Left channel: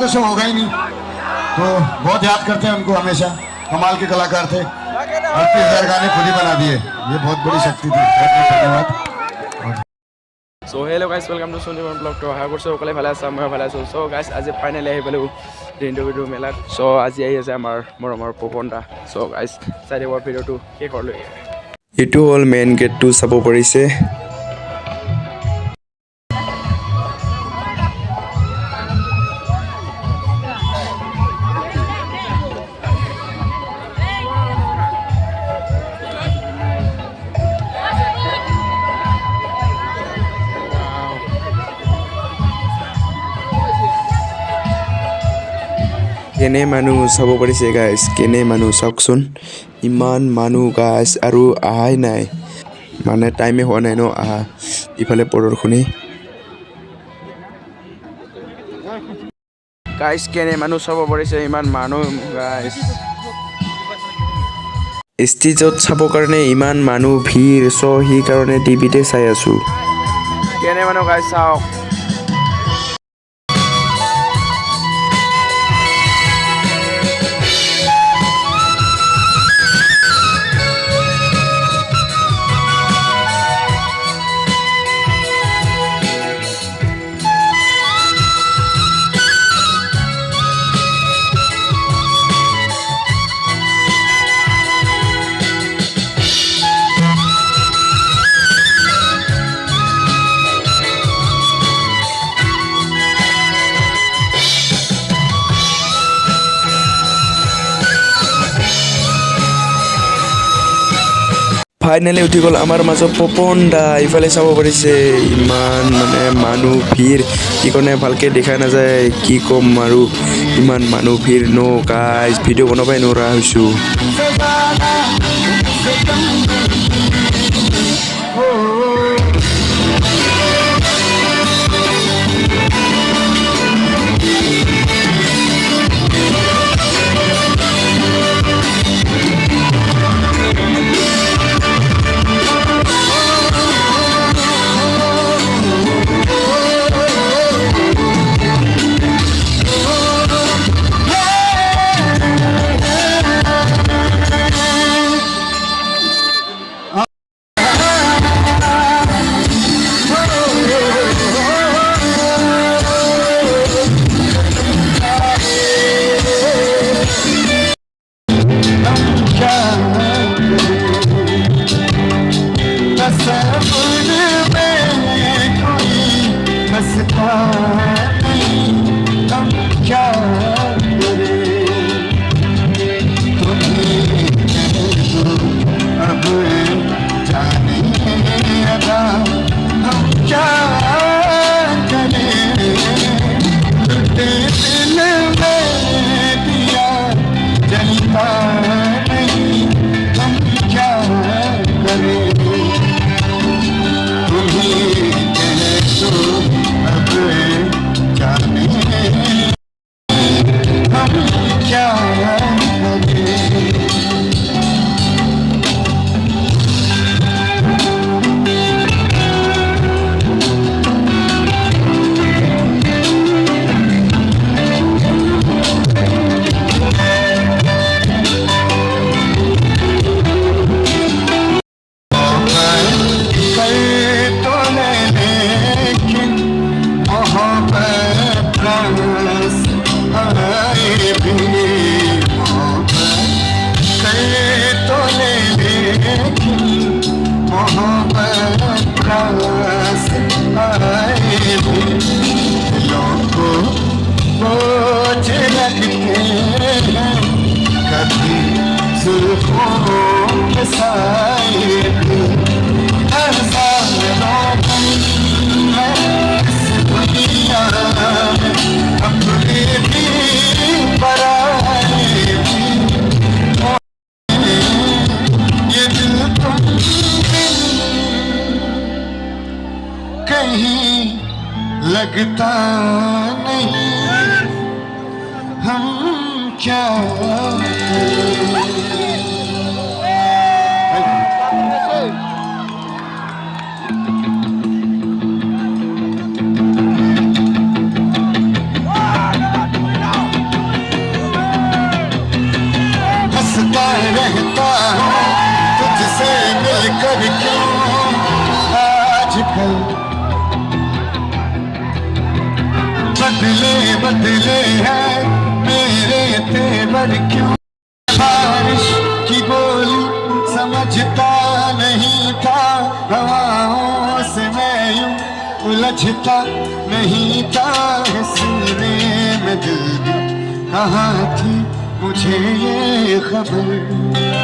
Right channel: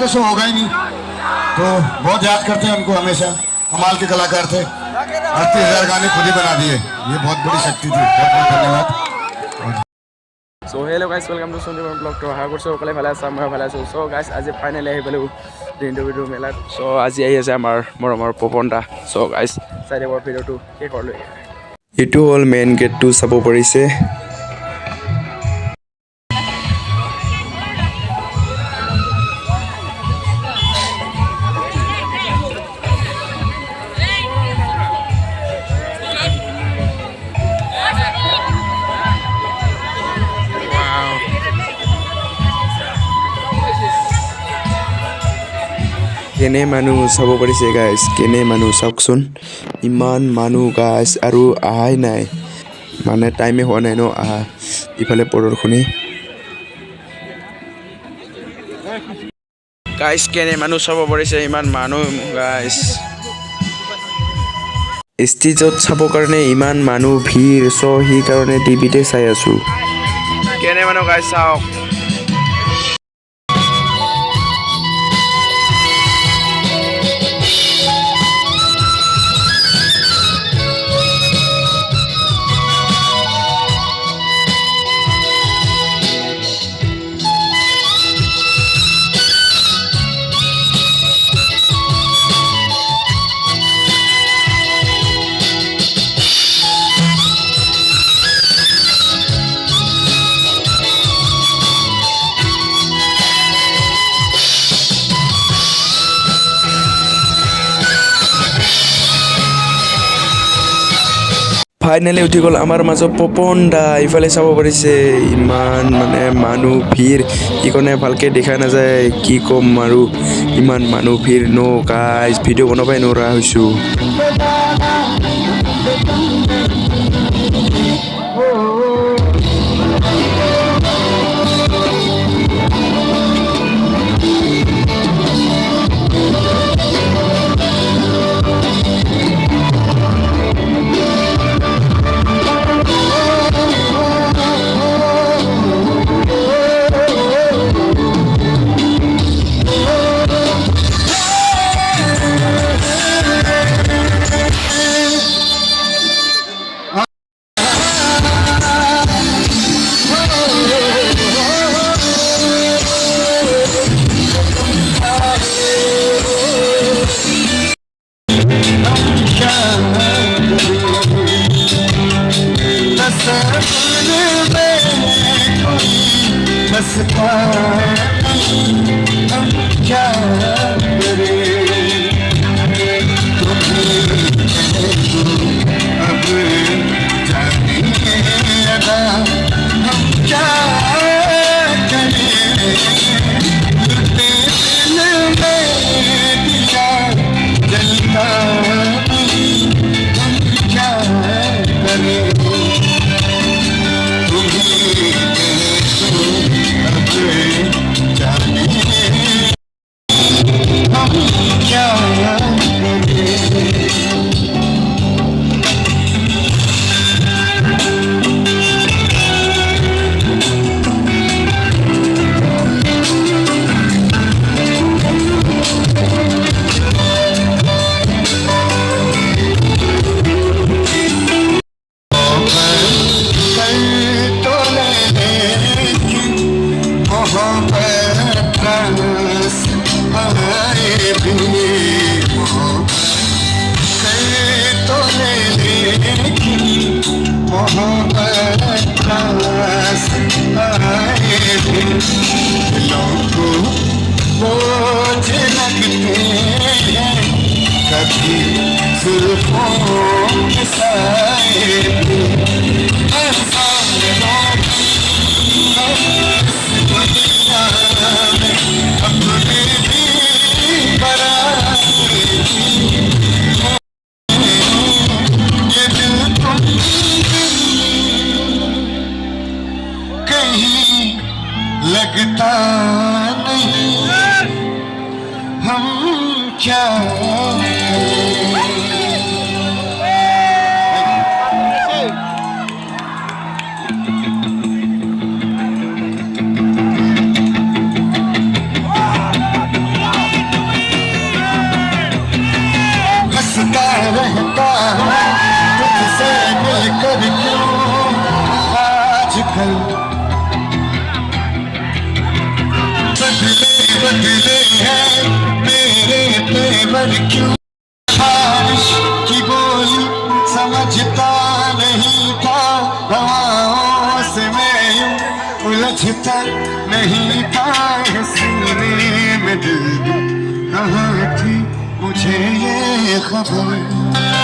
तो शो होगा ही नहीं। तो बहुत याद करते हैं उनको हमेशा, कमाल के कलाकार थे। 38,000 गाने खुद ही बना दिए, ये बहुत बड़ी शक्ति थी। बहुत बहुत धन्यवाद। So hello guys, welcome to Sandipan blog. तो আশা কৰিছোঁ সকলোৱে ভালে আছে, মই ভালে আছোঁ। চ' গাইছ আজি ফাইনেলি আহি পালোঁ ইণ্টাৰভিউ মেলাত। চ' আজি আহি আছে আমাৰ মৰমৰ পপন দা। চ' গাইছ চাই দিব ভিডিঅ'টো শেষলৈ। এইটো হ'ল মেইন গেটটো চাব পাৰিছে। কেনে মানুহ চাব পাৰিছে গাইছ, কেনে মানুহ চাওকচোন, ইমান মানুহ গাইছ, আৰু অহাই নাই, মানে টাইমে হোৱা নাই ন আহা। ইফালে প্ৰদৰ্শনী গাইছ, কেনে মানুহ চাব পাৰিছে, ইমান মানুহ গাইছ। ষ্টেজত চাবৰ কাৰণে ইমান মানুহ ভিৰ, চ' সেইকাৰণে টিভিতে চাই আছোঁ। কেনে মানুহ গাইছ চাওক। ফাইনেলি উঠি গ'ল আমাৰ মাজত পপন দা। ইফালে চাব পাৰিছে ইমান মানে মানুহ ভিৰ, সেইকাৰণে ভালকৈ দেখা নাযায়, কি ক'ম আৰু ইমান মানুহ ভিৰ ন গাইজ, ভিডিঅ' বনাবই নোৱাৰা হৈছোঁ। लगता नहीं हम क्या रहता हूँ तुझसे मिलकर क्यों आजकल बदले बदले हैं मेरे तेवर क्यों बारिश की बोली समझता नहीं था हवाओं से मैं यूं उलझता नहीं था सीने में दिल कहाँ थी मुझे ये खबर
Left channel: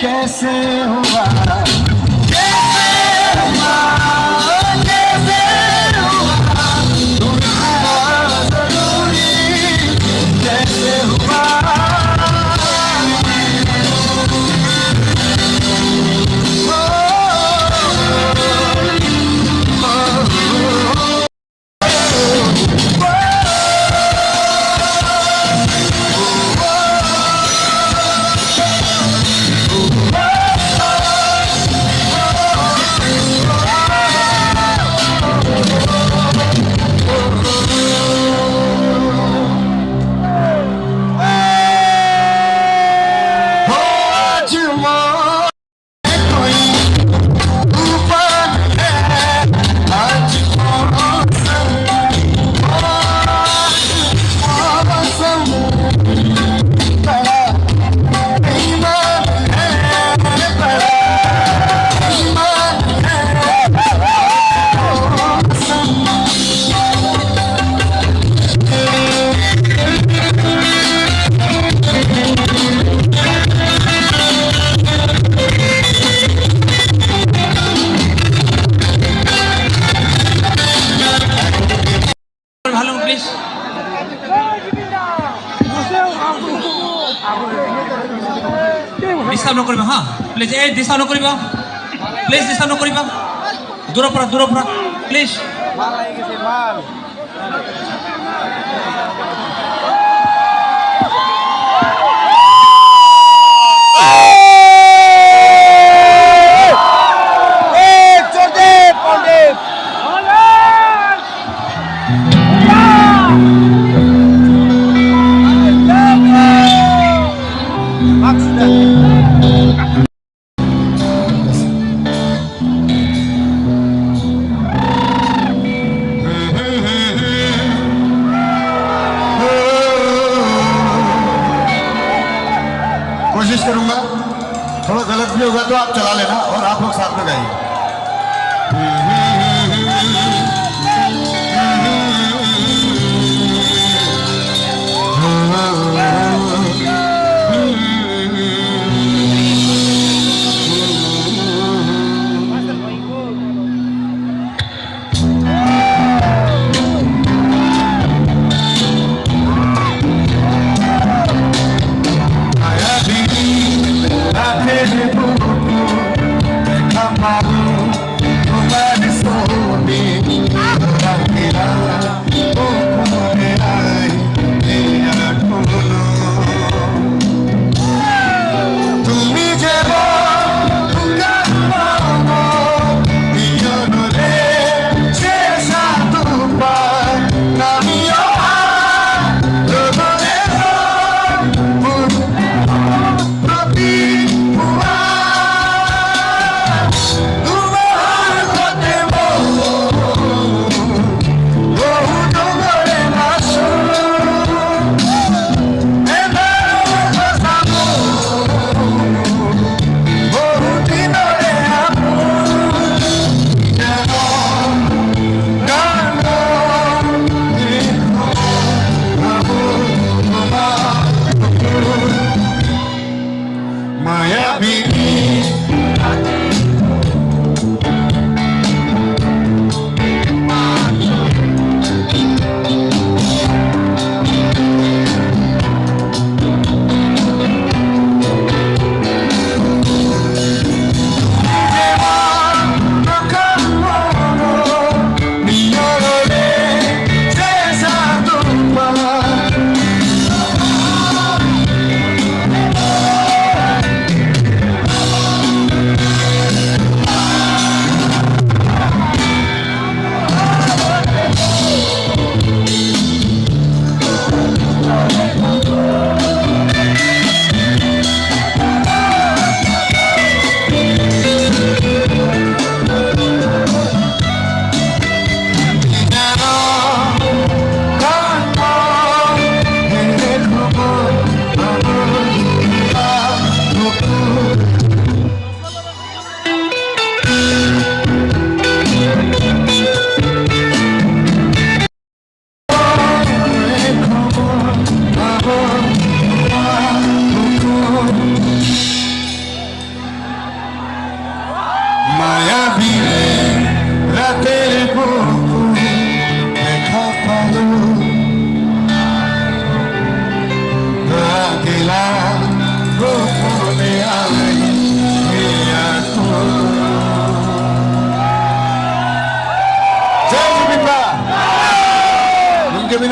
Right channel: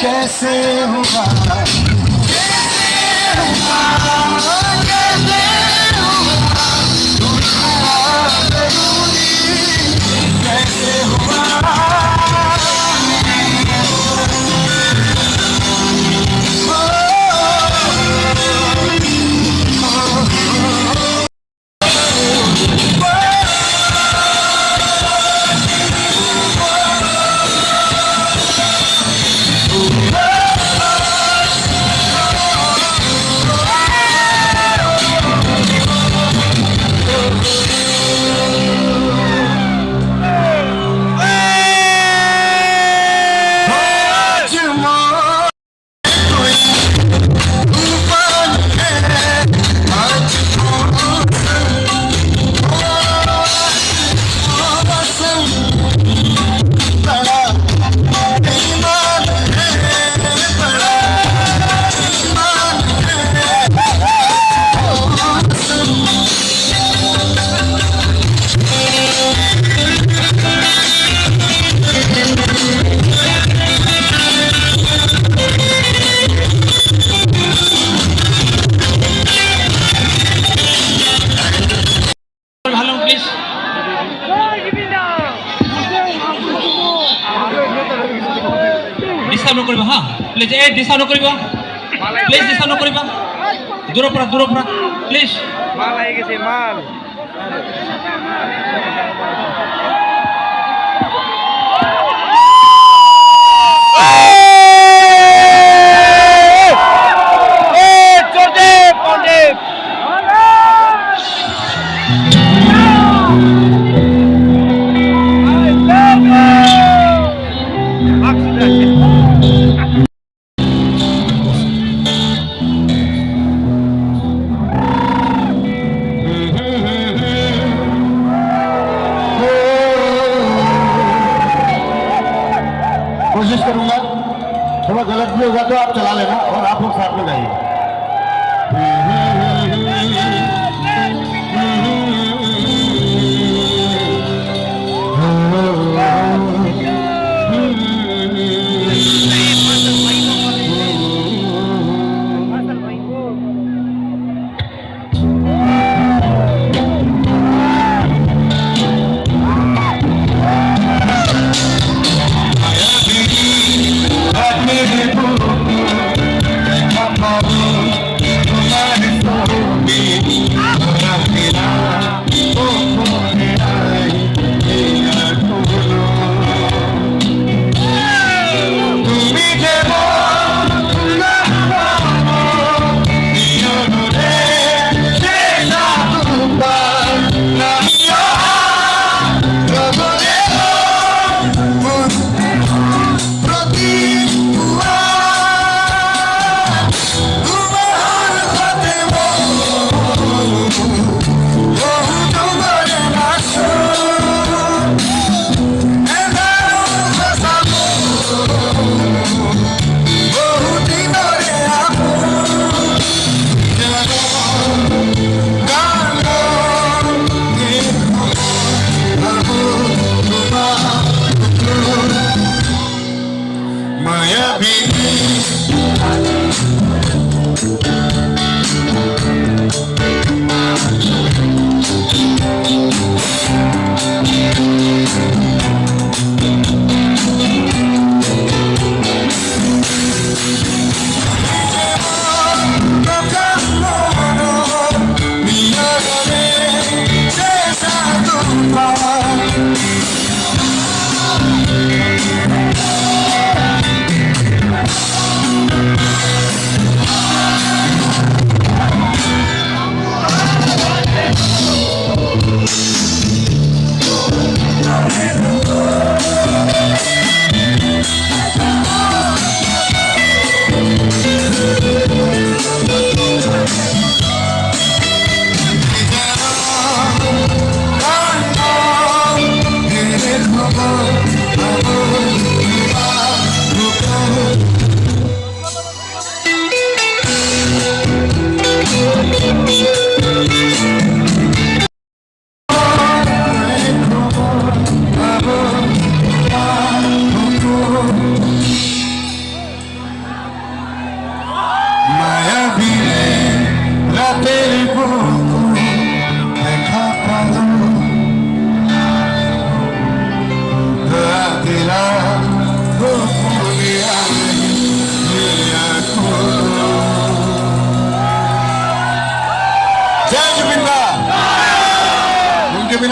कैसे हुआ ডিস্টার্ব নকৰিবা হা প্লিজ এই ডিস্টার্ব নকৰিবা প্লিজ ডিস্টার্ব নকৰিবা দূৰৰ পৰা প্লিজ মাল আহি গৈছে মাল कोशिश करूंगा थोड़ा गलत भी होगा तो आप चला लेना और आप लोग साथ में गाइए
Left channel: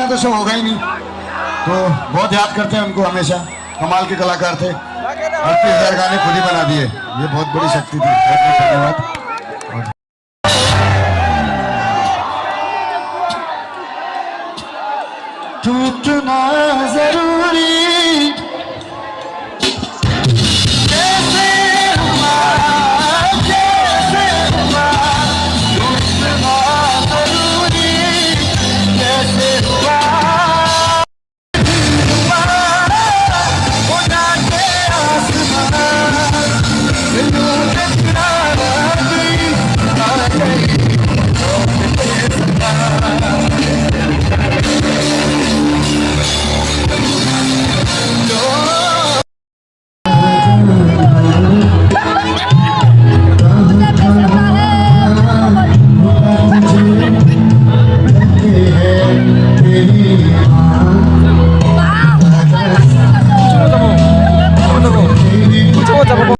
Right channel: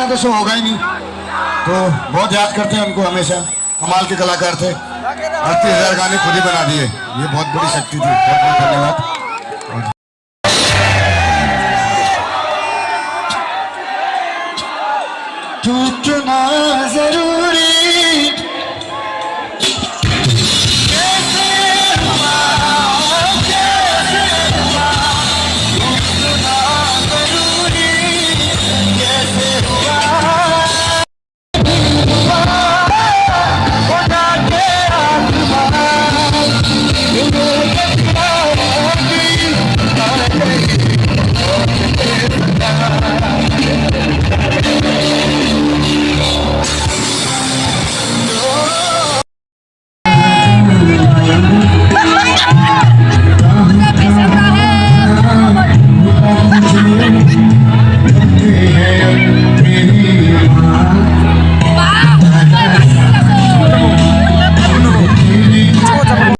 बिना तो शो होगा ही नहीं, तो बहुत याद करते हैं उनको हमेशा। कमाल के कलाकार थे, 38,000 गाने खुद ही बना दिए, ये बहुत बड़ी शक्ति थी। बहुत बहुत धन्यवाद। तू इतना जरूर